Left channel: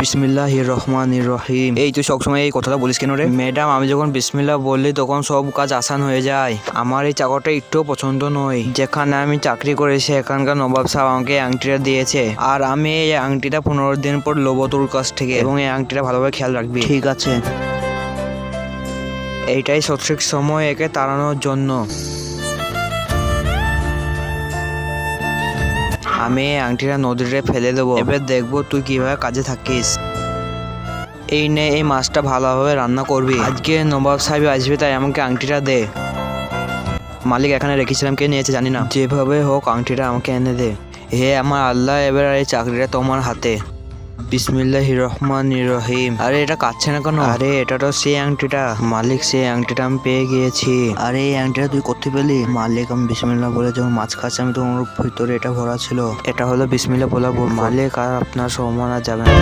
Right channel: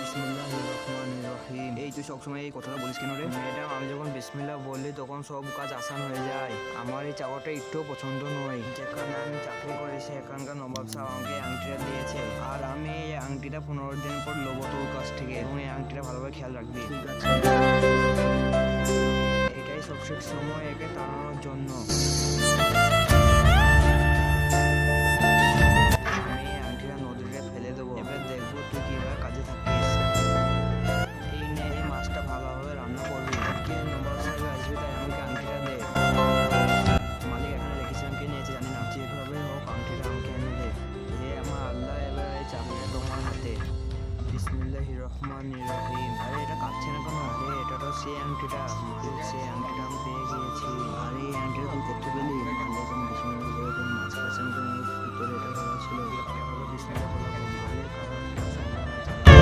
বিসমিল্লাহির রহমানির রহিম। এই তুই সবসময় এই কথাটা বলিস কেন রে? ম্যাডাম, আমি যখন বিসমিল্লাহ বললি তখন সব কাজ আসান হয়ে যায়। আমার এই চাকরটা একটুও পছন্দ নয়। যেখানে আমি চাকরি করেছি এখানকার নবাব সাহেব আমাকে এই আংটিটা দিয়েছে, আর আমি এই আংটিটা 15 দিন পর লোবো তোর কাছ থেকে, এবং এই আংটিটা ভালোভাবে খেয়াল রাখবি। ঠিক আছে। এইটাই সঠিক সময় একে তাড়ানোর জন্য। আমি এই আংটিটা নদীতে ফেলে দেবো। এবার দেখবো তুই কিভাবে কাজে থাকিস। এই নে, এই মাছটা ভালোভাবে রান্না করবি। আজকে নবাব সাহেব আসবে, তাই আমাকে আংটিটা দে। মালিক এখানে রেখেছিলাম, কে নিয়েছে জানি না। যেভাবে হোক আংটিটা আমাকে এনে দে। হে আমার আল্লাহ, এবার এই চাকরিটা তোমার হাতে। বিসমিল্লাহির রহমানির রহিম। আরে এটা কাটছে না কেন? আরে এটা তো সেই আংটিটা মালিক, সেই আংটিটা আমি পেয়ে গিয়েছি। আরে এই আংটিটা তুই করতে পেলি? মালিক, আমি বিসমিল্লাহ বলে যখন মাছ খাচ্ছি আমি তোমার ভিতরে এটা ভরা ছিল। এটা হলো বিসমিল্লাহ বলা মালিক, আর আপনার সম্মান আর যাবে না।